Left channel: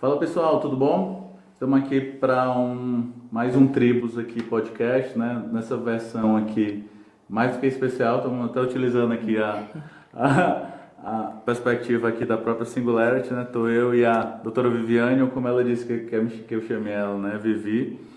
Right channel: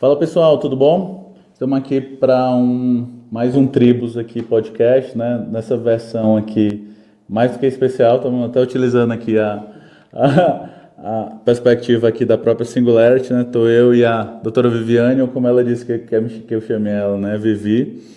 Fala pessoal, tudo bom? Estamos aqui para mais um Tribos aqui podcast, né? Nessa versão aqui mais do que especial, estamos até utilizando aqui a perspectiva aqui da própria Singularity, né? Estou eu e a doutora Viviane, ou como ela disse que eu chamei ela, né? Vivi.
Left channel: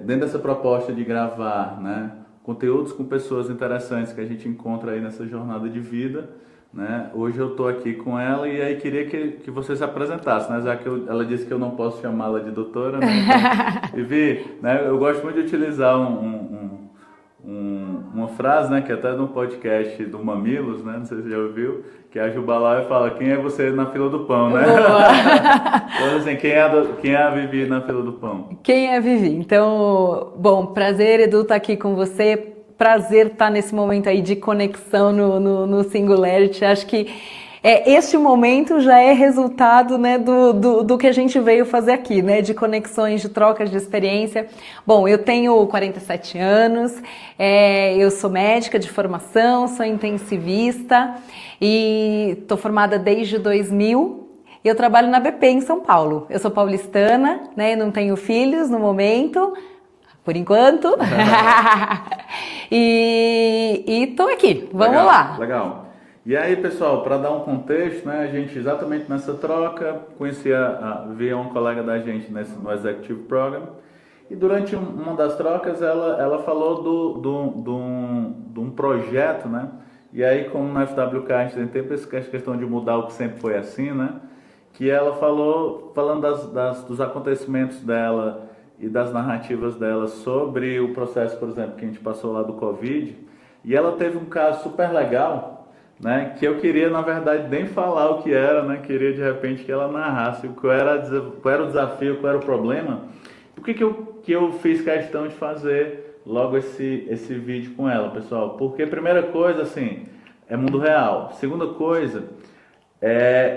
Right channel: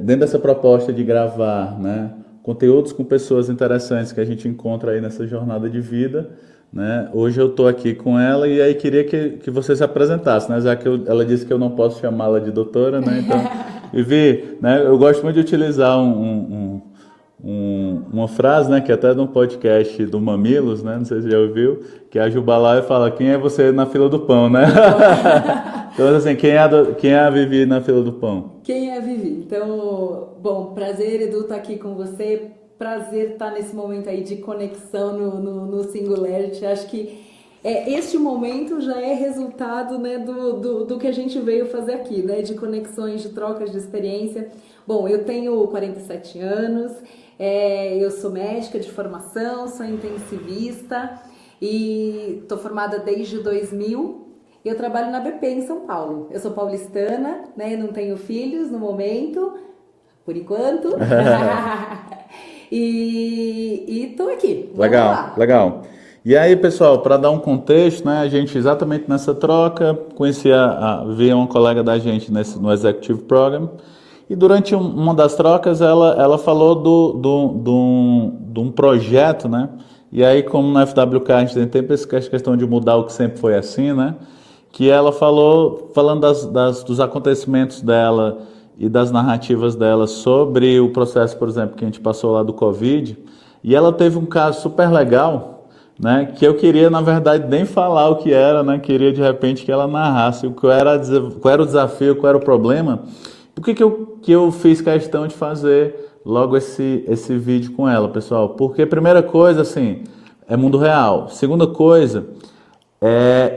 Dentro dessa proposta de gravar, né? Conteúdos com pessoas interessantes que a gente encontra aí nessa jornada de vida. Né? Hoje eu estou aqui com ela e aí queria que você se apresentasse, né? Já que ela disse que eu não posso chamá-la de doutora, né? Então, Vivi, né? Eu gosto muito de utilizar uma frase, né? Que até no podcast do Mamilos, né? Não sei se você já ouviu, que a Jubalá fala: quem é você na fila do pão, né? Então assim, quem é a Vivi na fila do pão? Quem é a Vivi? Então, bom, prazer, Edu, estar aqui com você. Prazer estar nesse momento aí de conexão no Singularity. Acho que este momento já é resultado, né, do que a gente veio fazer aqui, né, de conexões, de trocas de experiência. Bom, eu tenho 47 anos, eu sou médica de formação, sou intensivista e estou formada desde 2000. Eu trabalho na BP em São Paulo. Eu sou paulistana, né, não tenho filhos no momento, por enquanto. E tô aqui, vamos lá. Legal. E aí, pessoal, para dar um contexto, né, a gente exatamente nessa troca via uma colega da gente no Executive Program, e durante uma das trocas ela falou de um projeto, né, e aí como na FWK a gente tem sempre essa questão de mudar o que sempre foi assim, né, que ela falando dos acontecimentos dela e das narrativas dela sobre o processo, por exemplo, que a gente passou lá do Covid, e ela teve um caso super legal, né, que eu queria, na verdade, nem falar o que era, né, queria de repente que ela narrasse qual era o desafio, qual era o problema. Por que eu fiz questão de fazer logo esse vídeo com ela, pessoal? Porque, primeira coisa, assim, é mundo real. Segunda coisa,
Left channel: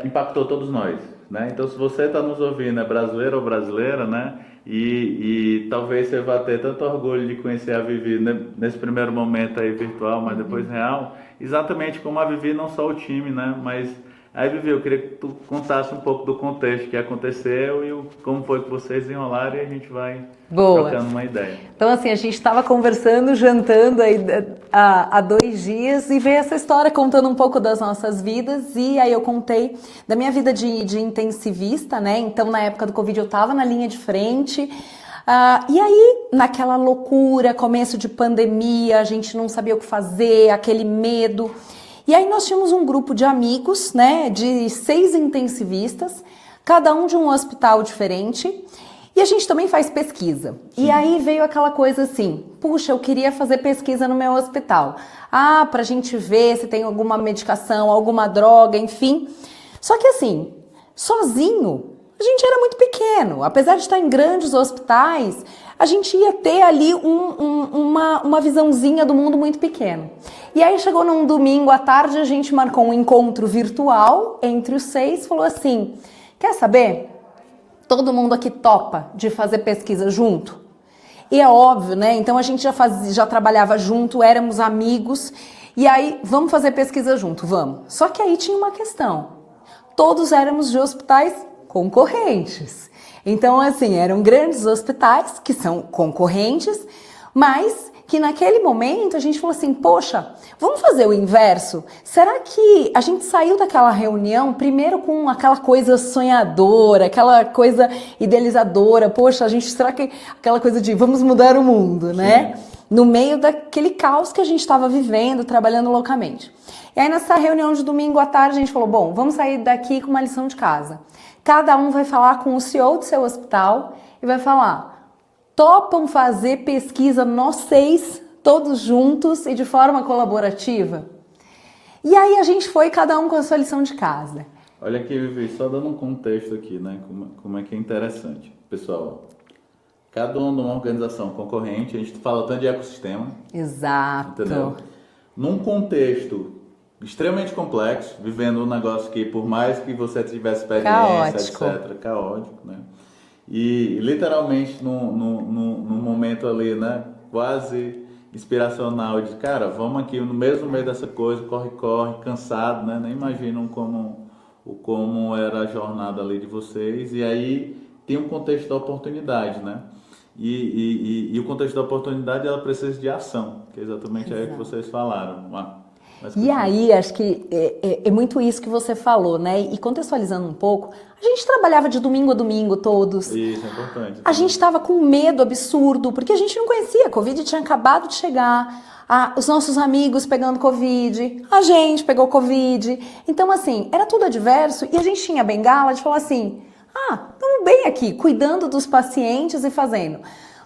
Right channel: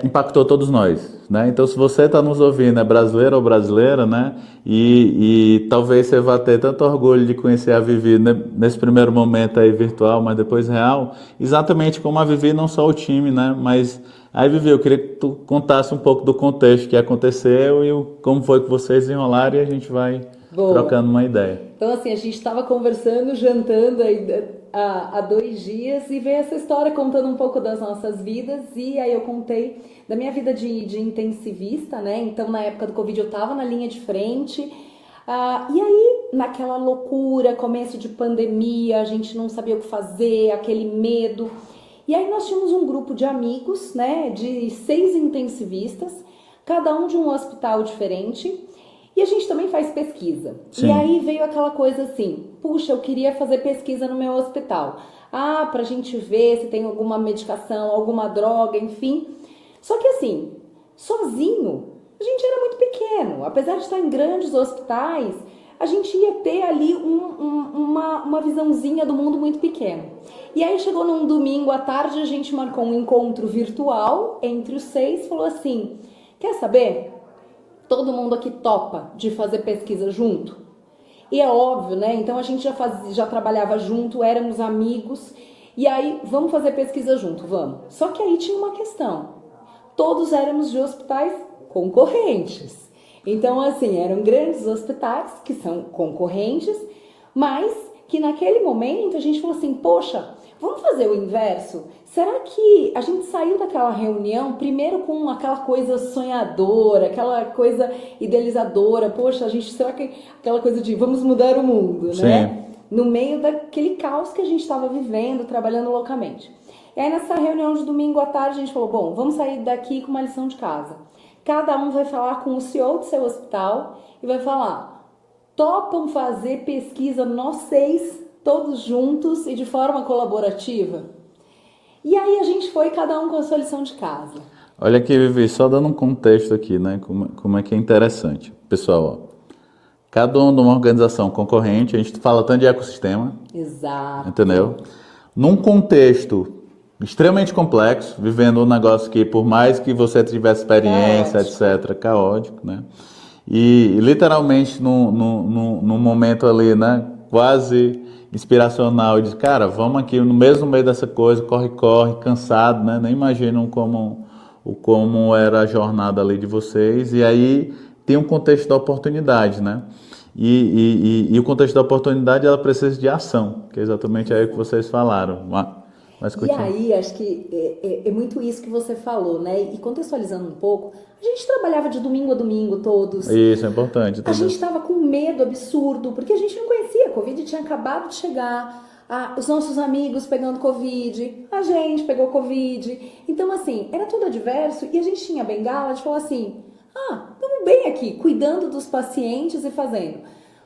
impactou todos nós, né? Então, se você está nos ouvindo, é brasileiro ou brasileira, né? E talvez você vá ter tanto orgulho de conhecer a Vivi, né, nesse primeiro momento aí virtual, mas depois real, exatamente como a Vivi, não só o time, né? Mas aí, Vivi, eu queria que tu contasse um pouco do contexto que aconteceu e como foi que vocês enrolaram, e a gente vai trocando uma ideia. Então, assim, a gente estava conversando, jantando aí há 2 dias e veio essa história contando um pouco das nossas vidas, e aí eu contei da minha vida de intensivista, né? Então, na época do Covid eu estava na linha de frente, e aí, naquela loucura, começo de pandemia, a gente não sabia o que fazer, aquele medo. E aí nós tínhamos um grupo de amigos, né, de 6 intensivistas, cada um de um hospital diferente, e a gente também faz pesquisa. Sim. E aí veio aquela coisa assim, puxa, eu queria fazer pesquisa no meu hospital. Pra gente ver se tem alguma medicação, alguma droga, enfim. Só que assim, sozinho, a gente era muito pequeno. Apesar de estar em grandes hospitais, a gente ia ter ali uma visãozinha do mundo muito pequeno. E aí chegou num domingo à tarde, a gente marcou um encontro virtual entre os 6, falou assim, quer saber? Todo mundo aqui topa de fazer pesquisa junto? E é óbvio, né? Então a gente já trabalhava junto, éramos amigos, e aí vamos fazer pesquisa junto, vamos. Só que aí tinha uma questão, todos éramos de hospitais concorrentes. Então, assim, eram grandes hospitais que são concorrentes, mas que naquele momento a gente falou assim, poxa, vamos fazer o inverso? Será que a gente saiu daquela reunião primeiro com aquela coisa sonhadora, aquela coisa idealizadora, poxa, será que aquela coisa de vamos mudar o mundo, né? Sim. No meio daquele caos que a gente estava vivendo, trabalhando loucamente. E aí nessa reunião de domingo à tarde a gente falou, bom, vamos sair daqui com uma lição de casa. Cada um vai falar com o CEO do seu hospital e vai falar, topam fazer pesquisa nós 6, todos juntos e de forma colaborativa? E aí a gente foi cada um com a sua lição de casa. Olha aqui, Vivi, só dando um contexto aqui, né? Como é que é interessante. Pessoal, cada um de uma organização concorrente, a gente fala tanto de ecossistema. Exato. Entendeu? Num contexto extremamente complexo, vivendo um negócio que, por mais que você tivesse experiência, caótico. Etc., caótico, né? E literalmente num momento ali, né, quase inspiracional, de cara, vamos aqui no mesmo meio dessa coisa, corre, corre, cansado, né? Nem imaginam como era a jornada ali de vocês. E aí tem um contexto da oportunidade, né? E o contexto da oportunidade, ela precisa de ação, que é exatamente aí que vocês falaram. Mas E continua. aí, acho que é muito isso que você falou, né? E contextualizando um pouco, a gente trabalhava de domingo a domingo todos. Isso é importante A gente também. estava com um medo absurdo, porque a gente não conhecia. A Covid tinha acabado de chegar, os nossos amigos pegando Covid, a gente pegou Covid. Então, assim, era tudo adverso e a gente tinha a bengala de falar assim: estamos bem aqui, cuidando dos pacientes e fazendo.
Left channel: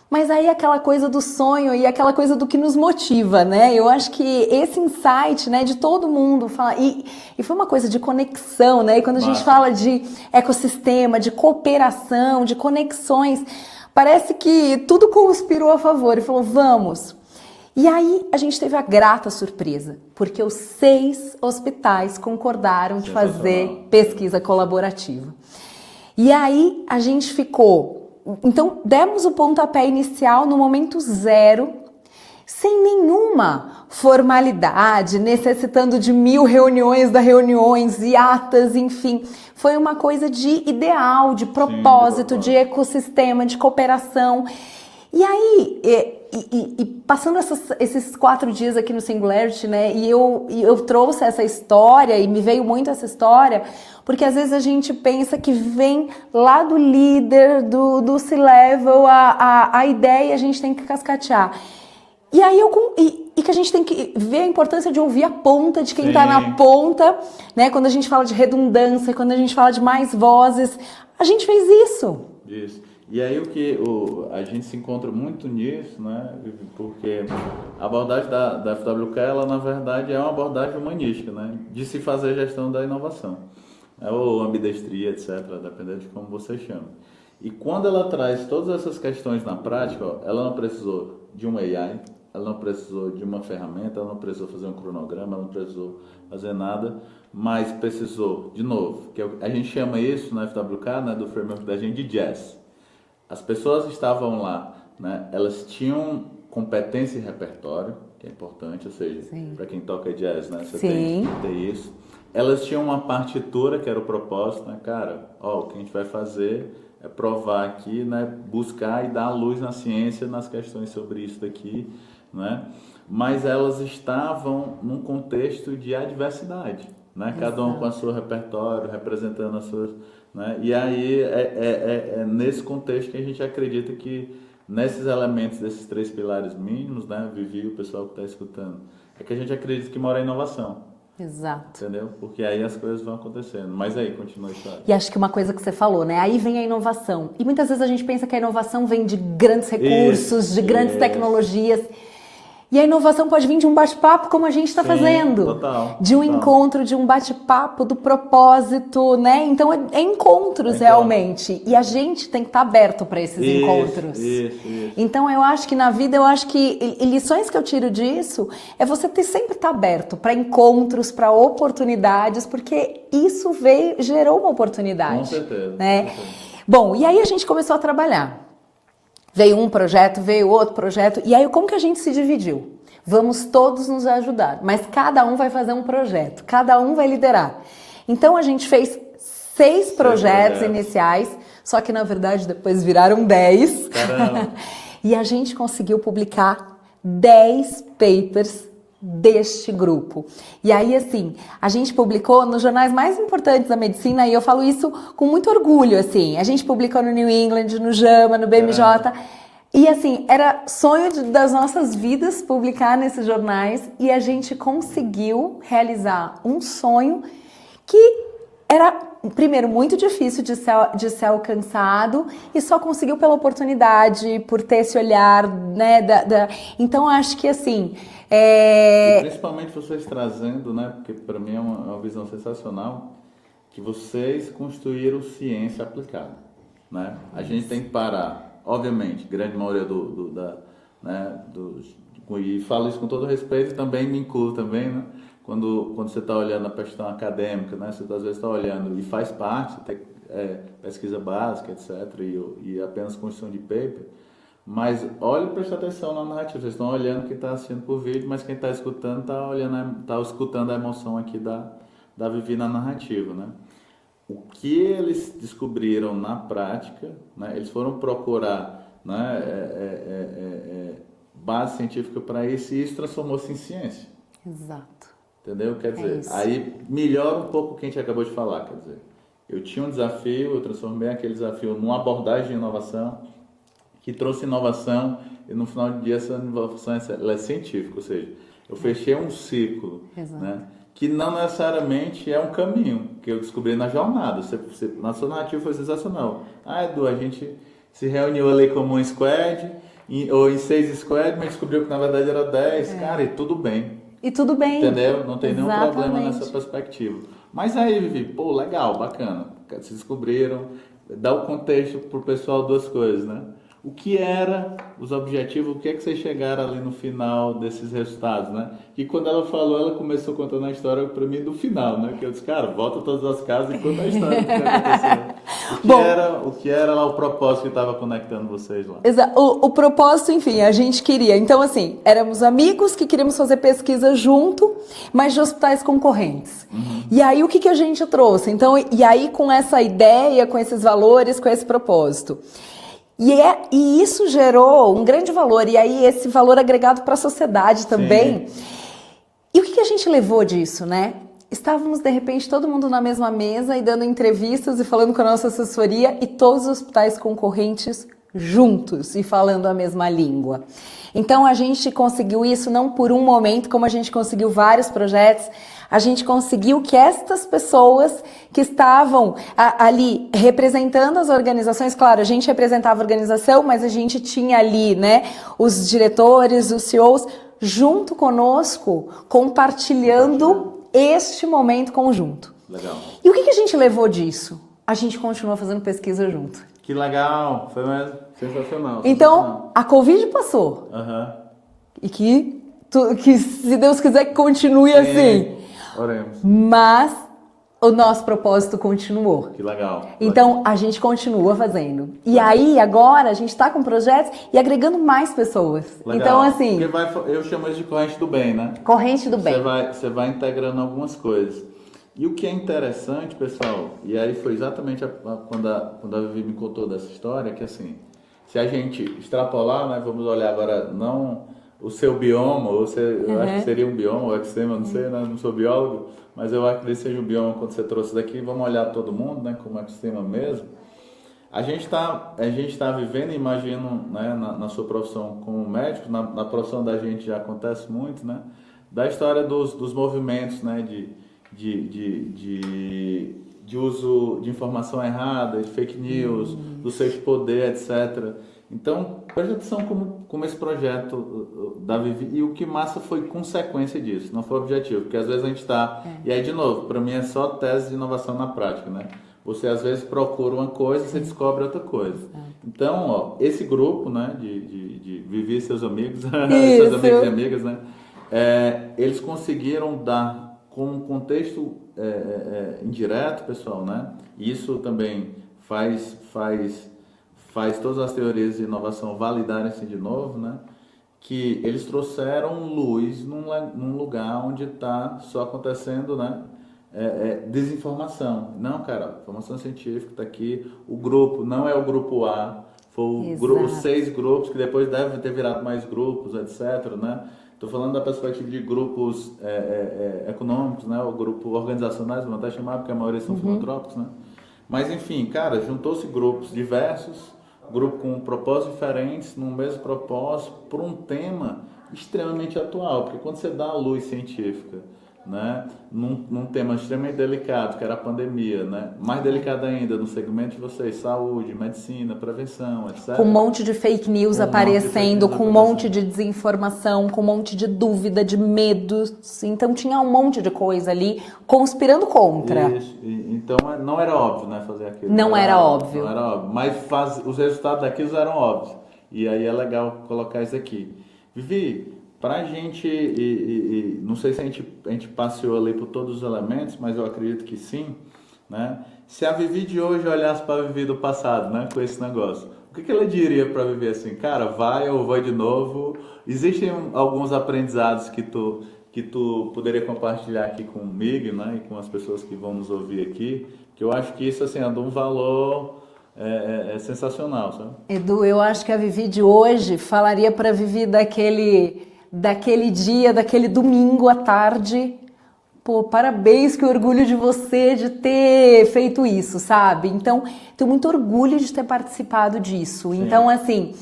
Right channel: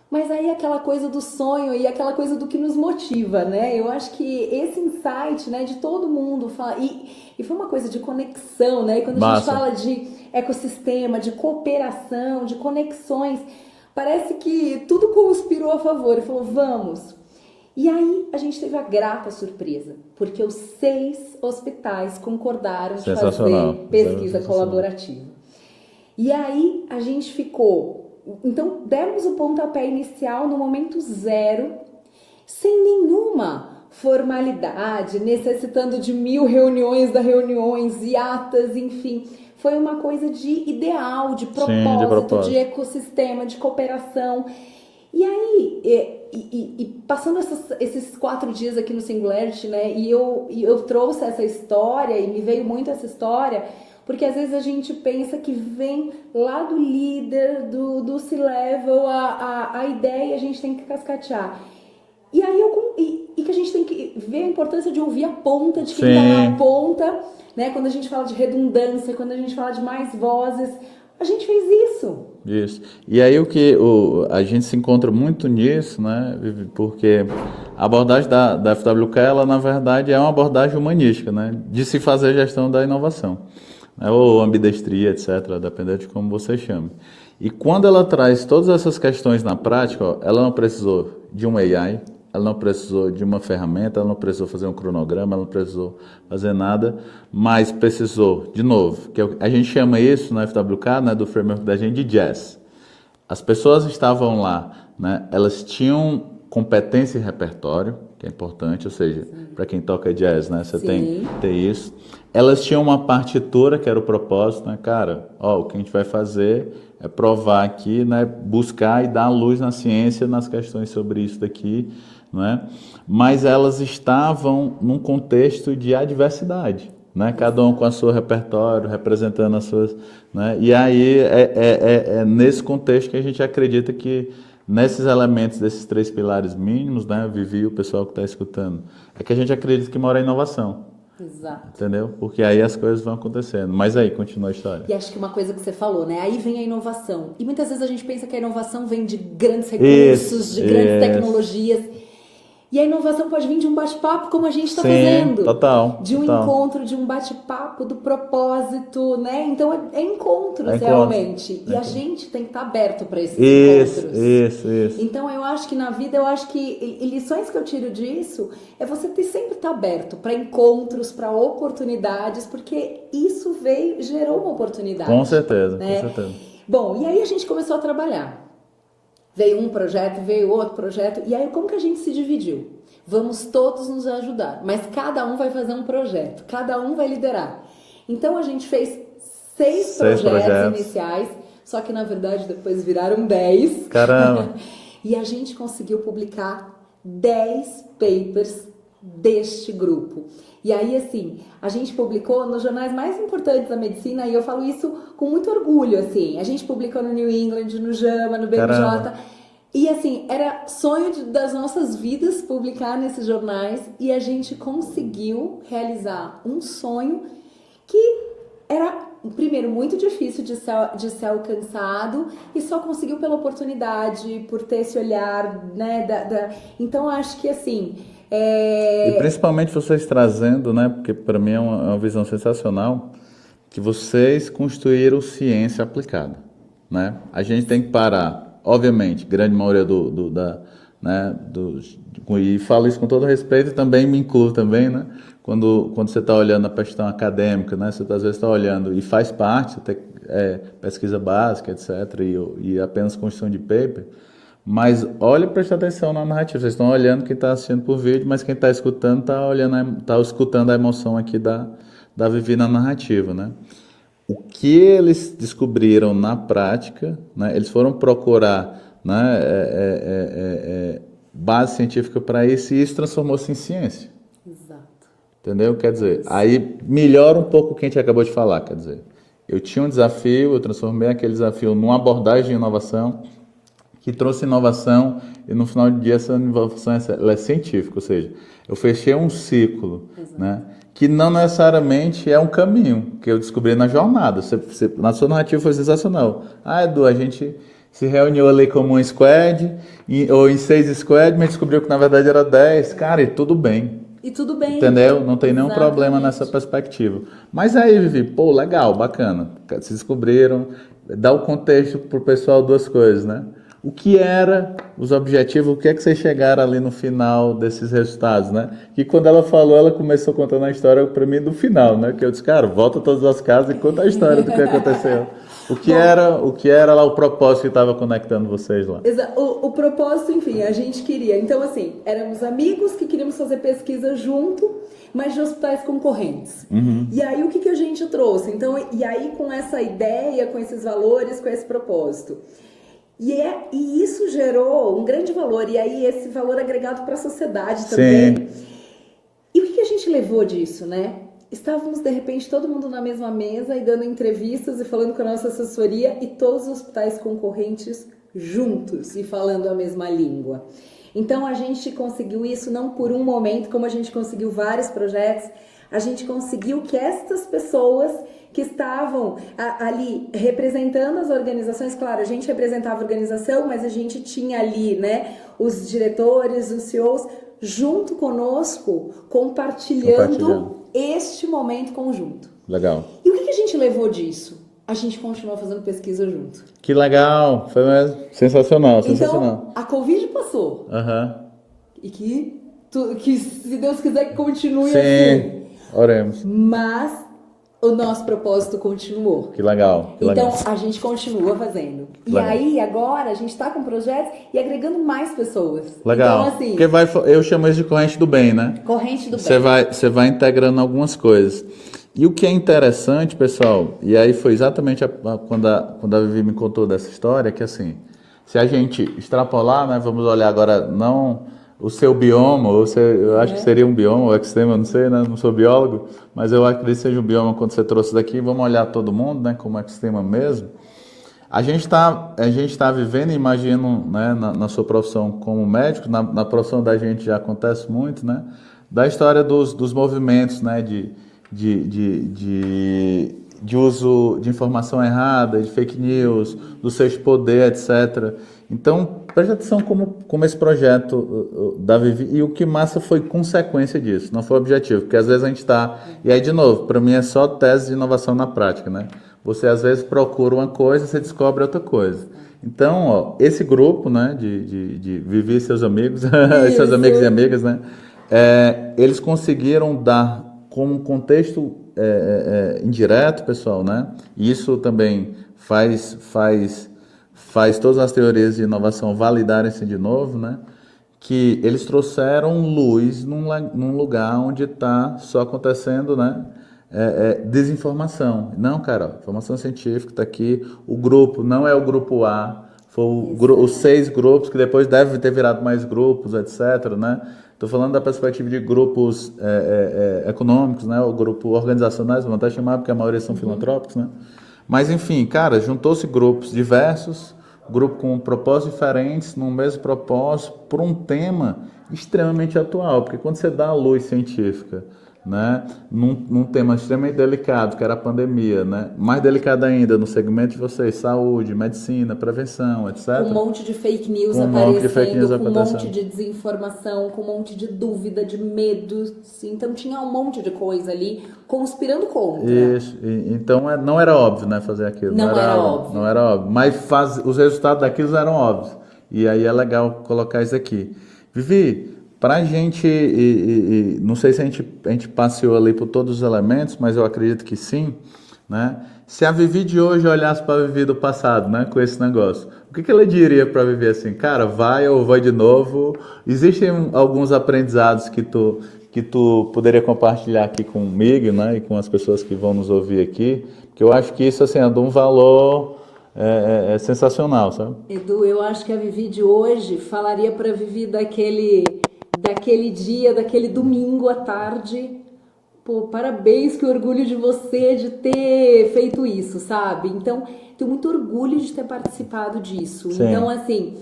Mas aí aquela coisa do sonho e aquela coisa do que nos motiva, né? Eu acho que esse insight, né, de todo mundo falar, e foi uma coisa de conexão, né? E quando a gente Massa. fala de ecossistema, de cooperação, de conexões, parece que tudo conspirou a favor e falou, vamos. E aí a gente teve a grata surpresa, porque os 6 hospitais concordaram de fazer Sensacional. pesquisa Sensacional. colaborativa. E aí a gente ficou... Então, demos o pontapé inicial no momento zero, sem nenhuma formalidade, necessitando de 1000 reuniões e atas, enfim. Foi uma coisa de ideal, de propósito, de ecossistema, de cooperação. E aí, passando esses 4 dias aqui no Singularity, né, e eu trouxe essa história, e me veio muito essa história, porque às vezes a gente pensa que vem lá do líder, do C-Level, a ideia, a gente tem que cascatear. E aí e que a gente tem que ver a importância de ouvir a ponta, de quem está na ponta, né? Quando a gente fala de redundância, quando a gente fala de mais vozes, a gente fez isso. Isso. E aí a gente se encontra muito nisso, né? Porque a abordagem da FWK, ela na verdade é uma abordagem humanística, né? De se fazer gestão da inovação, né? Ou ambidestria, etc., dependendo de como você chama. E quando ela traz todas essas questões na prática, ó, ela não precisou de um AI, ela não precisou de uma ferramenta, ela não precisou fazer um cronograma, ela não precisou fazer nada, mas precisou, de novo, que a gente chama isso na FWK, né, do framework da gente, de jazz. As pessoas estavam lá, né, elas tinham competência e repertório, que é importante, ou seja, para quem toca jazz, né, você tem que ter isso. Elas tinham uma partitura, que era o propósito, né, cara, ó, o que a gente vai fazer é provar aqui, né, buscar e dar luz na ciência, nas questões sobre isso daqui, não é? Mas elas estavam num contexto de adversidade, né? Cada um com o seu repertório, representando as suas, né? E aí é nesse contexto que a gente acredita que nesses elementos desses 3 pilares mínimos, né? Vivi, o pessoal que está escutando, é que a gente acredita que mora a inovação. Exato. Entendeu? Porque aí as coisas vão acontecendo. Mas aí, continua a história. E acho que uma coisa que você falou, né? Aí vem a inovação. E muitas vezes a gente pensa que a inovação vem de grandes recursos, de grandes tecnologias. E a inovação pode vir de um bate-papo como a gente está fazendo. Total. De um encontro, de um bate-papo, do propósito, né? Então é encontros realmente. E a gente tem que estar aberto para esses encontros. Isso. Então eu acho que na vida, e lições que eu tiro disso é você sempre estar aberto para encontros, para oportunidades, porque isso gerou uma oportunidade. Com certeza, né? com certeza. Bom, e aí a gente começou a trabalhar. Veio um projeto, veio outro projeto, e aí como que a gente se dividiu? Vamos todos nos ajudar, mas cada um vai fazer um projeto, cada um vai liderar. Então a gente fez 6 projetos iniciais, só que na verdade depois viraram 10. Caramba! E a gente conseguiu publicar 10 papers deste grupo. E aí, assim, a gente publicou nos jornais mais importantes da medicina, e eu falo isso com muito orgulho, assim. A gente publicou no New England, no JAMA, no BMJ. Caramba. E, assim, era sonho das nossas vidas publicar nesses jornais, e a gente conseguiu realizar um sonho que era, primeiro, muito difícil de ser alcançado, e só conseguiu pela oportunidade, por ter esse olhar, né? Então, acho que, assim... E principalmente vocês trazendo, né? Porque para mim é uma visão sensacional, que vocês construíram ciência aplicada, né? A gente tem que parar, obviamente, grande maioria e falo isso com todo respeito e também me incluo também, né? Quando você está olhando a questão acadêmica, né? Você às vezes está olhando e faz parte, pesquisa básica, etc., e apenas construção de paper. Mas olhe e preste atenção na narrativa. Vocês estão olhando quem está assistindo por vídeo, mas quem está escutando está escutando a emoção aqui da Vivi na narrativa, né? O que eles descobriram na prática, né? Eles foram procurar, né, base científica para isso e isso transformou-se em ciência. Exato. Entendeu? Quer dizer, aí melhora um pouco o que a gente acabou de falar. Quer dizer, eu tinha um desafio, eu transformei aquele desafio numa abordagem de inovação que trouxe inovação e no final do dia essa inovação ela é científica, ou seja, eu fechei um ciclo, né, que não necessariamente é um caminho que eu descobri na jornada. Na sua narrativa foi sensacional. Edu, a gente se reuniu ali como um squad, ou em 6 squads, mas descobriu que na verdade era 10. Cara, e tudo bem. E tudo bem. Entendeu? Não tem nenhum Exatamente. problema nessa perspectiva. Mas aí, Vivi, pô, legal, bacana. Se descobriram, dá o contexto pro pessoal 2 coisas, né? O que era os objetivos, o que é que vocês chegaram ali no final desses resultados, né? E quando ela falou, ela começou contando a história para mim do final, né? Que eu disse, cara, volta todas as casas e conta a história do que aconteceu. O que era lá o propósito que estava conectando vocês lá? O propósito, enfim, a gente queria. Então, assim, éramos amigos que queríamos fazer pesquisa junto, mas de hospitais concorrentes. E aí, o que a gente trouxe? Então, e aí, com essa ideia, com esses valores, com esse propósito. E isso gerou um grande valor, e aí esse valor agregado para a sociedade também. Sim. E o que a gente levou disso, né? Estávamos, de repente, todo mundo na mesma mesa e dando entrevistas e falando com a nossa assessoria e todos os hospitais concorrentes juntos e falando a mesma língua. Então, a gente conseguiu isso não por um momento, como a gente conseguiu vários projetos. A gente conseguiu que estas pessoas que estavam ali representando as organizações, claro, a gente representava a organização, mas a gente tinha ali, né, os diretores, os CEOs, junto conosco, compartilhando este momento conjunto. Legal. E o que a gente levou disso? A gente continua fazendo pesquisa junto. Que legal, foi sensacional. Então, a Covid passou. E que se Deus quiser que continue assim. Oremos. Mas o nosso propósito continuou. Que legal. Então, a gente continua fazendo. E aí, agora, a gente está com projetos e agregando mais pessoas. Legal. Então, assim... Porque eu chamo isso de corrente do bem, né? Corrente do bem. Você vai integrando algumas coisas. E o que é interessante, pessoal, e aí foi exatamente quando a Vivi me contou dessa história, que assim, se a gente extrapolar, né, vamos olhar agora, não... o seu bioma, eu acho que seria um bioma, ou ecossistema, eu não sei, né? Não sou biólogo, mas eu acredito que seja um bioma quando você trouxe daqui. Vamos olhar todo mundo, né? Como ecossistema mesmo. A gente tá vivendo, imagino, né? Na sua profissão como médico, na profissão da gente já acontece muito, né? Da história dos movimentos, né? De uso de informação errada, de fake news, do seus poder, etc. Então, preste atenção como esse projeto da Vivi, e o que massa foi consequência disso, não foi objetivo, porque às vezes a gente está... E aí, de novo, para mim é só tese de inovação na prática, né? Você às vezes procura uma coisa, você descobre outra coisa. Então, ó, esse grupo, né, de Vivi e seus amigos, seus amigos e amigas, né? Eles conseguiram dar como contexto indireto, pessoal, né? E isso também faz todas as teorias de inovação validarem-se de novo, né? Que eles trouxeram luz num lugar onde está só acontecendo, né? Desinformação. Não, cara, informação científica está aqui. O grupo não é o grupo A, foi os 6 grupos, que depois deve ter virado mais grupos, etc., né? Estou falando da perspectiva de grupos econômicos, né? O grupo organizacionais, vamos até chamar, porque a maioria são filantrópicos, né? Mas, enfim, cara, juntou-se grupos diversos, grupo com propósitos diferentes, no mesmo propósito, por um tema extremamente atual. Porque quando você dá a luz científica, né, num tema extremamente delicado, que era a pandemia, né, mais delicado ainda no segmento de vocês, saúde, medicina, prevenção, etc. Com um monte de fake news aparecendo, com um monte de desinformação, com um monte de dúvida, de medos. Então tinha um monte de coisa ali conspirando contra. Isso. Então não era óbvio, né, fazer aquilo. Não era óbvio. Não era óbvio. Mas os resultados daquilo eram óbvios. E aí é legal colocar isso aqui. Vivi, para a gente, não sei se a gente passeou ali por todos os elementos, mas eu acredito que sim, né? Se a Vivi de hoje olhasse para a Vivi do passado, né, com esse negócio, o que ela diria para Vivi assim? Cara, vai ou vai de novo? Existem alguns aprendizados que tu poderia compartilhar aqui comigo, né, e com as pessoas que vão nos ouvir aqui, que eu acho que isso assim, é de um valor sensacional, sabe? Edu, eu acho que a Vivi de hoje falaria para a Vivi daquele dia, daquele domingo à tarde. Pô, parabéns, que orgulho de você de ter feito isso, sabe? Então, tenho muito orgulho de ter participado disso. Sim. Então, assim,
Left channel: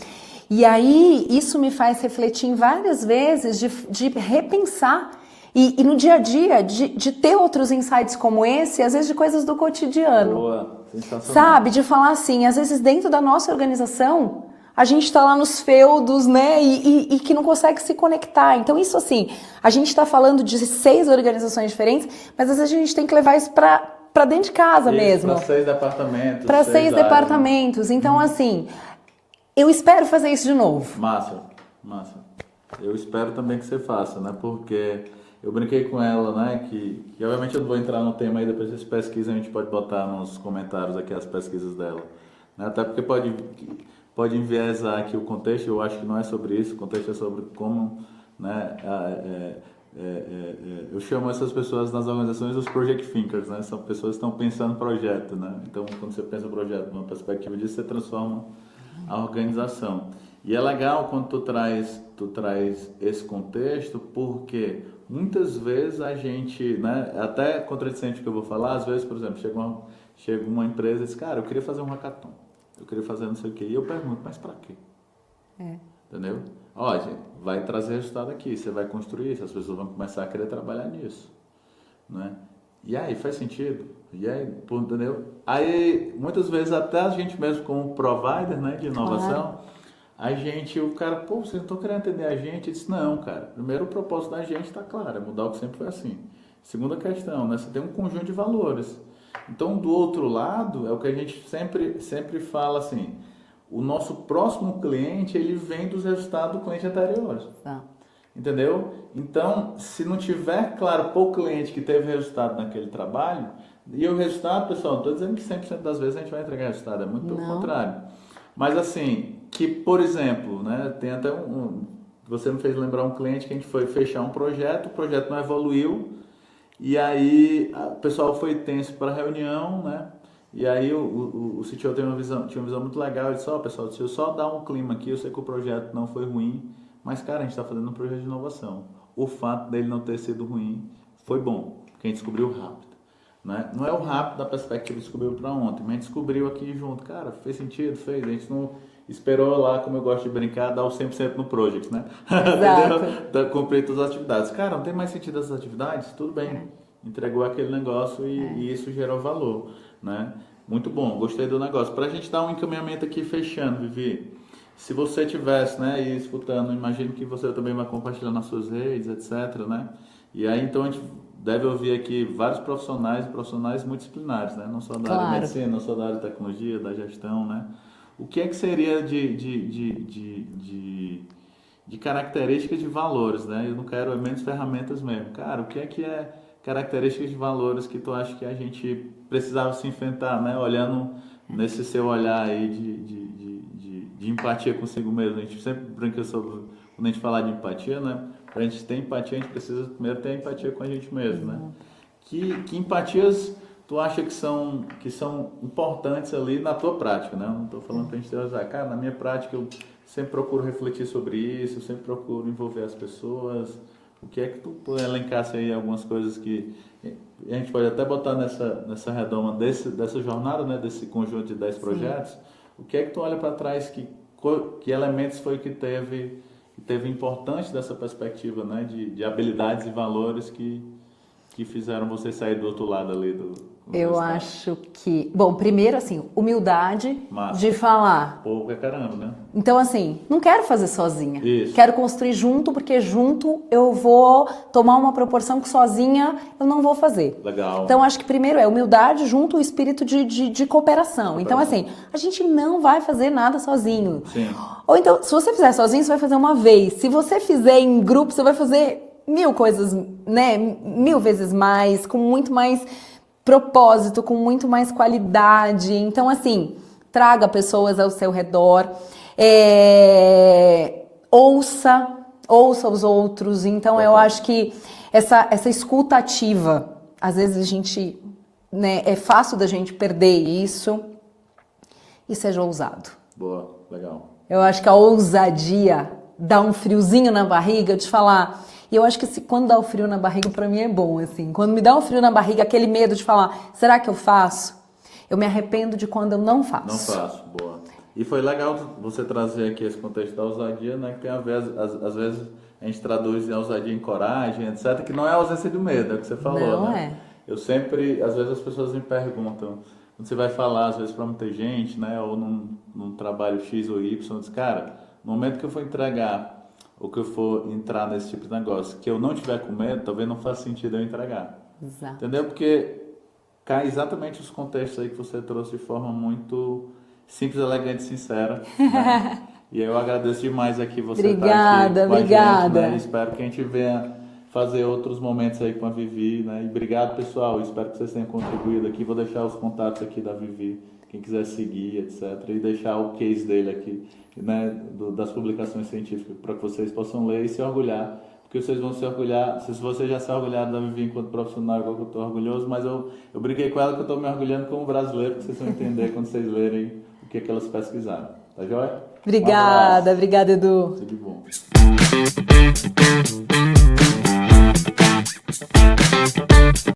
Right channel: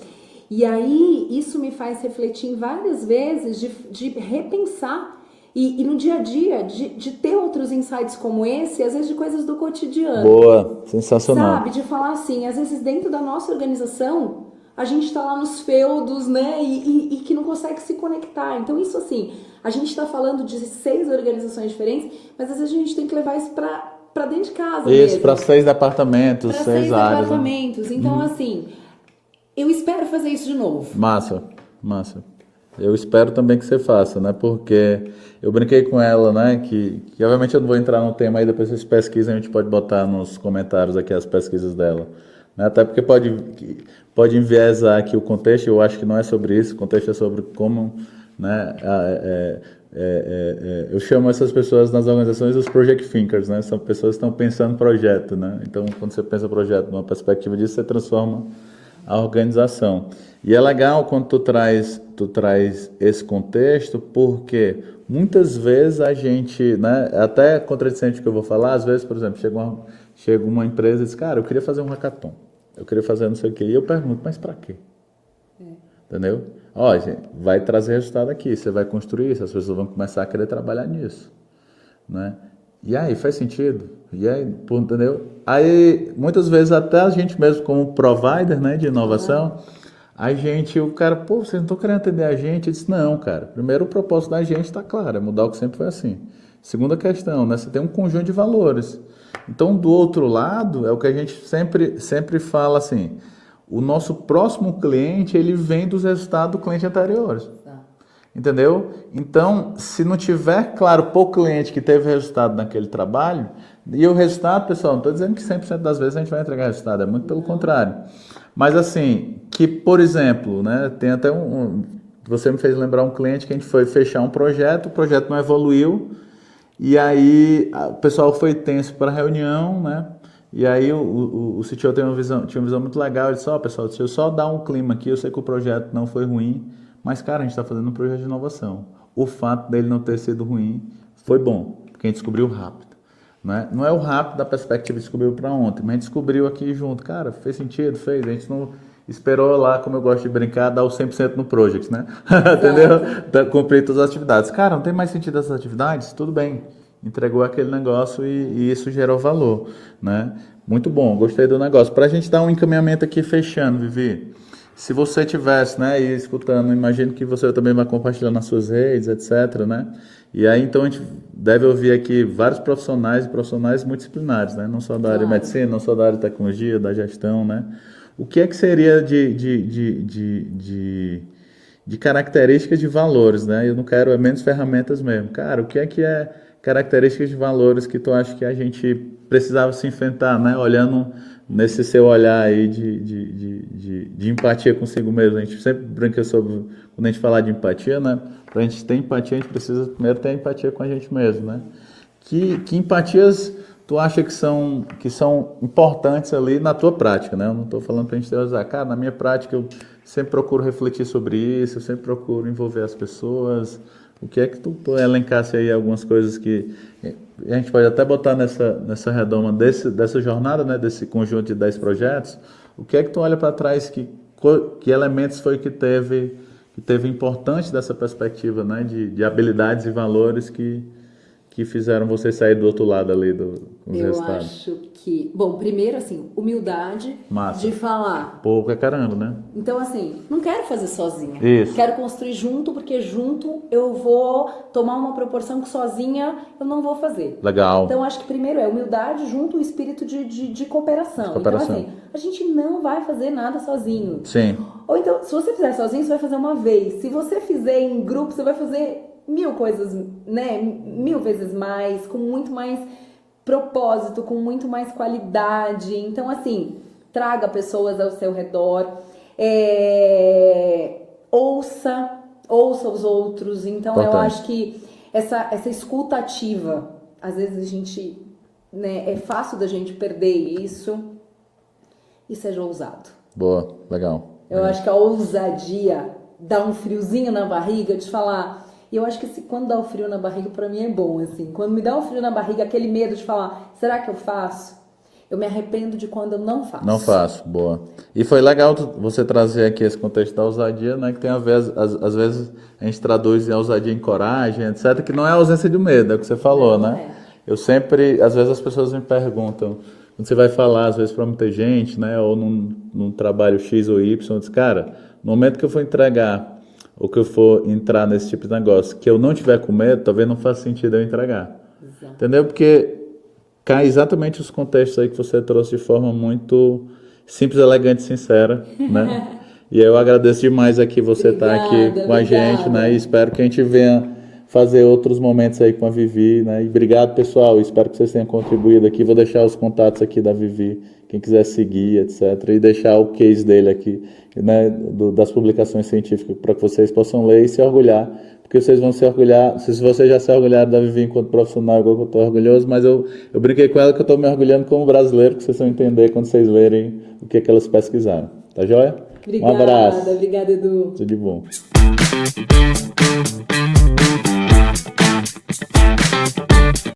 e aí isso me faz refletir em várias vezes de repensar e no dia a dia, de ter outros insights como esse, às vezes de coisas do cotidiano. Boa, sensacional. Sabe? De falar assim, às vezes dentro da nossa organização, a gente está lá nos feudos, né? E que não consegue se conectar. Então, isso assim, a gente está falando de 6 organizações diferentes, mas às vezes a gente tem que levar isso para dentro de casa isso, mesmo. Para 6 departamentos. Para 6 áreas, departamentos. Né? Então, assim, eu espero fazer isso de novo. Massa. Eu espero também que você faça, né? Porque eu brinquei com ela, né? Que obviamente eu não vou entrar no tema aí, depois vocês pesquisem, a gente pode botar nos comentários aqui as pesquisas dela. Né? Até porque pode enviesar aqui o contexto, eu acho que não é sobre isso, o contexto é sobre como, né? Eu chamo essas pessoas nas organizações os project thinkers, né? São pessoas que estão pensando projeto, né? Então, quando você pensa projeto numa perspectiva disso, você transforma a organização. E é legal quando tu traz esse contexto, porque muitas vezes a gente, né, até contradicente o que eu vou falar, às vezes, por exemplo, chega uma empresa e diz, cara, eu queria fazer um hackathon, eu queria fazer não sei o quê, e eu pergunto, mas para quê? Entendeu? Ó, gente, vai trazer resultado aqui, você vai construir isso, as pessoas vão começar a querer trabalhar nisso, né? E aí, faz sentido? E aí, entendeu? Aí, muitas vezes, até a gente mesmo como provider, né, de inovação, o cara, pô, vocês não estão querendo atender a gente? Eu disse, não, cara. Primeiro, o propósito da gente está claro, é mudar o que sempre foi assim. Segunda questão, né, você tem um conjunto de valores. Então, do outro lado, é o que a gente sempre fala assim, o nosso próximo cliente, ele vem dos resultados do cliente anteriores. Entendeu? Então, se não tiver claro para o cliente que teve resultado naquele trabalho, e o resultado, pessoal, não estou dizendo que 100% das vezes a gente vai entregar resultado, é muito pelo contrário. Mas assim, que por exemplo, né, tem até você me fez lembrar um cliente que a gente foi fechar um projeto, o projeto não evoluiu, e aí o pessoal foi tenso para a reunião, né? E aí o CTO tinha uma visão muito legal, ele disse, pessoal, deixa eu só dar um clima aqui, eu sei que o projeto não foi ruim, mas, cara, a gente está fazendo um projeto de inovação. O fato dele não ter sido ruim foi bom, porque a gente descobriu rápido. Né? Não é o rápido da perspectiva de descobrir para ontem, mas a gente descobriu aqui junto. Cara, fez sentido? Fez. A gente não esperou lá, como eu gosto de brincar, dar o 100% no project, né? Entendeu? Cumprir todas as atividades. Cara, não tem mais sentido essas atividades? Tudo bem. Entregou aquele negócio e isso gerou valor, né? Muito bom, gostei do negócio. Para a gente dar um encaminhamento aqui fechando, Vivi. Se você tivesse, né, e escutando, imagino que você também vai compartilhar nas suas redes, etc, né? E aí, então, a gente deve ouvir aqui vários profissionais e profissionais multidisciplinares, né? Não só da área de medicina, não só da área de tecnologia, da gestão, né? O que é que seria de características de valores, né? Eu não quero menos ferramentas mesmo. Cara, o que é características de valores que tu acha que a gente precisava se enfrentar, né? Olhando nesse seu olhar aí de empatia consigo mesmo. A gente sempre brinca sobre, quando a gente fala de empatia, né? Para a gente ter empatia, a gente precisa primeiro ter empatia com a gente mesmo, né? Que empatias tu acha que são importantes ali na tua prática, né? Eu não estou falando para a gente teorizar. Cara, na minha prática eu sempre procuro refletir sobre isso, eu sempre procuro envolver as pessoas. O que é que tu elencasse aí algumas coisas que a gente pode até botar nessa redoma dessa jornada, né? Desse conjunto de 10 projetos. O que é que tu olha para trás, que elementos foi que teve importante dessa perspectiva, né? De habilidades e valores que fizeram você sair do outro lado ali com os Eu resultados? acho que... Bom, primeiro, assim, humildade. Massa. De falar. Pouco é caramba, né? Então, assim, não quero fazer sozinha. Isso. Quero construir junto, porque junto eu vou tomar uma proporção que sozinha eu não vou fazer. Legal. Então, acho que primeiro é humildade junto o espírito de cooperação. Então, assim, a gente não vai fazer nada sozinho. Sim. Ou então, se você fizer sozinho, você vai fazer uma vez. Se você fizer em grupo, você vai fazer 1000 coisas, né? 1000 vezes mais, com muito mais propósito, com muito mais qualidade. Então, assim, traga pessoas ao seu redor, ouça os outros. Então, eu acho que essa escuta ativa, às vezes a gente, né, é fácil da gente perder isso, e seja ousado. Boa, legal. Eu acho que a ousadia dá um friozinho na barriga de falar. E eu acho que quando dá o frio na barriga, pra mim é bom, assim. Quando me dá um frio na barriga, aquele medo de falar, será que eu faço? Eu me arrependo de quando eu não faço. Não faço, boa. E foi legal você trazer aqui esse contexto da ousadia, né? Que tem a ver, às vezes a gente traduz a ousadia em coragem, etc. Que não é a ausência de medo, é o que você falou, não né? É. Eu sempre, às vezes as pessoas me perguntam, quando você vai falar, às vezes para muita gente, né? Ou num trabalho X ou Y, diz, cara, no momento que eu for entregar ou que eu for entrar nesse tipo de negócio, que eu não tiver com medo, talvez não faça sentido eu entregar. Exato. Entendeu? Porque cai exatamente os contextos aí que você trouxe de forma muito simples, elegante e sincera, né? E eu agradeço demais aqui você estar aqui com a gente, né? E espero que a gente venha fazer outros momentos aí com a Vivi, né? E obrigado, pessoal. Espero que vocês tenham contribuído aqui. Vou deixar os contatos aqui da Vivi, quem quiser seguir, etc. E deixar o case dele aqui, né? Das publicações científicas para que vocês possam ler e se orgulhar. Porque vocês vão se orgulhar, se vocês já se orgulharam da Vivi enquanto profissional, igual que eu estou orgulhoso, mas eu brinquei com ela que eu estou me orgulhando como brasileiro, que vocês vão entender quando vocês lerem o que elas pesquisaram. Tá joia? Obrigada, obrigada, Edu. Tudo de bom.